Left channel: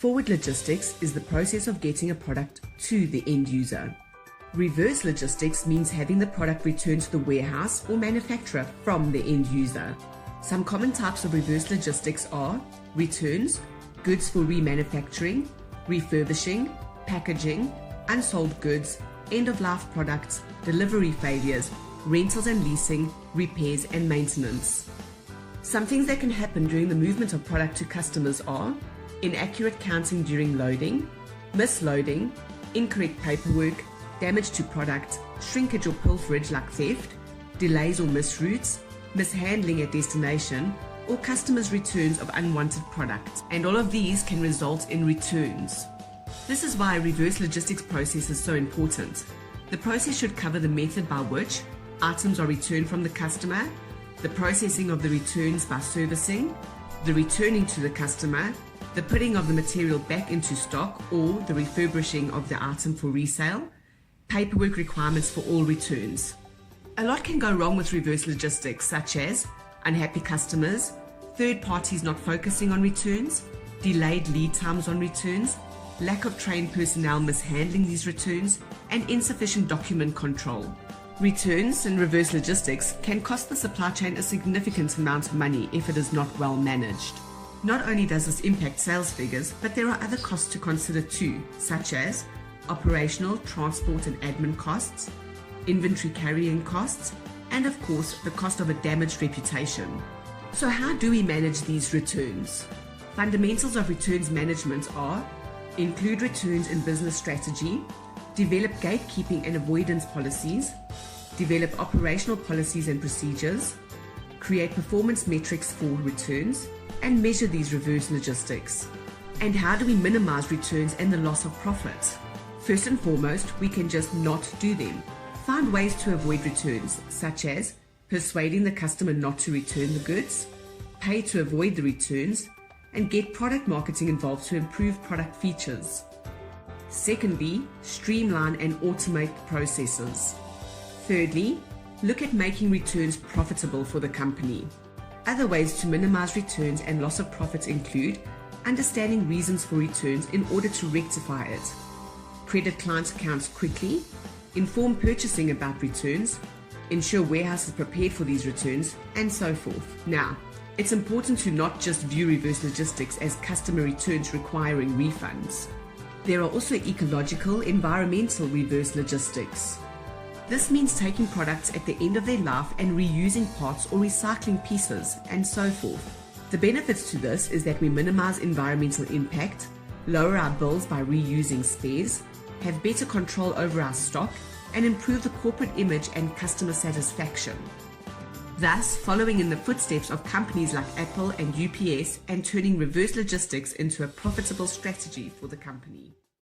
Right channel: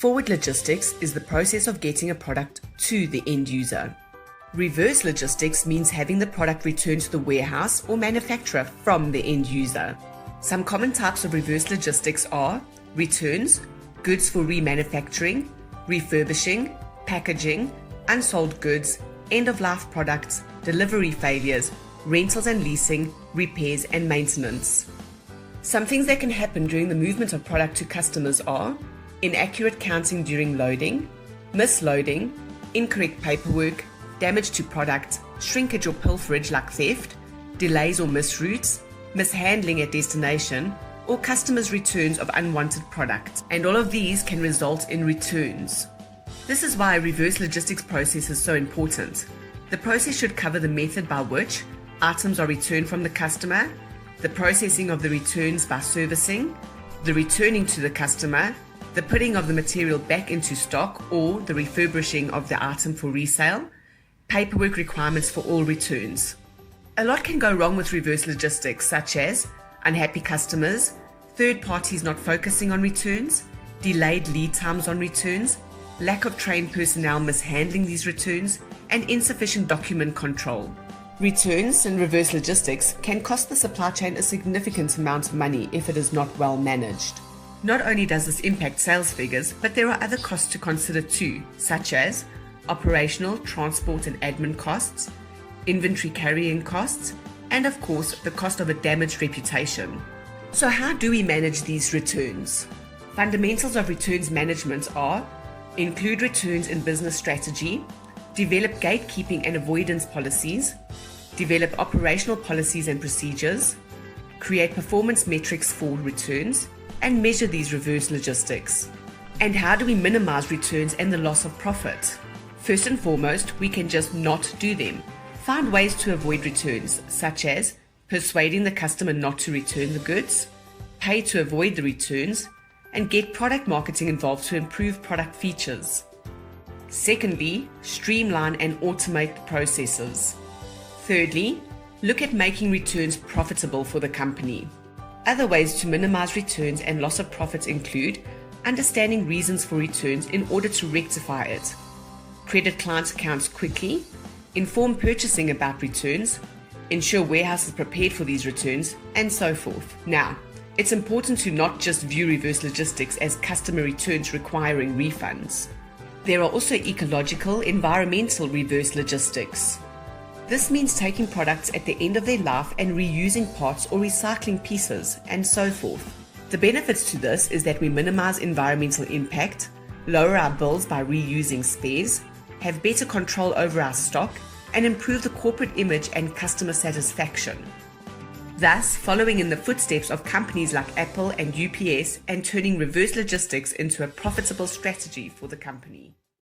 Forward logistics is the process of getting a product to the end user. Reverse logistics means having the product returned to the warehouse or manufacturer from the end user. Some common types of reverse logistics are returns, goods for remanufacturing, refurbishing, packaging, unsold goods, end-of-life products, delivery failures, rentals and leasing, repairs and maintenance. Some things that can happen during the movement of product to customers are inaccurate counting during loading, misloading, incorrect paperwork, damage to product, shrinkage or pilferage like theft, delays or misroutes, mishandling at destination, or customers' returns of unwanted product. And all of these can result in returns. This is why a reverse logistics process is so important. The process should cover the method by which items are returned from the customer, the processing of the returns by servicing, the returning to the customer, the putting of the material back into stock or the refurbishing of the item for resale, paperwork requirements for all returns. A lot can go wrong with reverse logistics, such as unhappy customers, third parties not focusing on returns, delayed lead times on returns, lack of trained personnel mishandling these returns, and insufficient document control. Returns and reverse logistics can cost the supply chain a significant amount of money if it is not well managed. Not only does this impact sales figures, but there are other costs to consider too, such as operational, transport and admin costs, inventory carrying costs, and of course the cost of a damaged reputation. So how do we manage these returns? Fundamentals of returns management are include returns in business strategy, develop gatekeeping and avoidance policies, develop operational policies and procedures, create performance metrics for returns, and measure these reverse logistics. And how do we minimize returns and the loss of profit? First and foremost, we can just not do them. Find ways to avoid returns, such as persuading the customer not to return the goods, pay to avoid the returns, and get product marketing involved to improve product features. Secondly, streamline and automate the processes. Thirdly, look at making returns profitable for the company. Other ways to minimize returns and loss of profits include understanding reasons for returns in order to rectify it, credit client accounts quickly, inform purchasing about returns, ensure warehouse is prepared for these returns, and so forth. Now, it's important to not just view reverse logistics as customer returns requiring refunds. There are also ecological, environmental reverse logistics. This means taking products at the end of their life and reusing parts or recycling pieces, and so forth. The benefits to this is that we minimize environmental impact, lower our bills by reusing spares, have better control over our stock, and improve the corporate image and customer satisfaction. Thus, following in the footsteps of companies like Apple and UPS and turning reverse logistics into a profitable strategy for the company.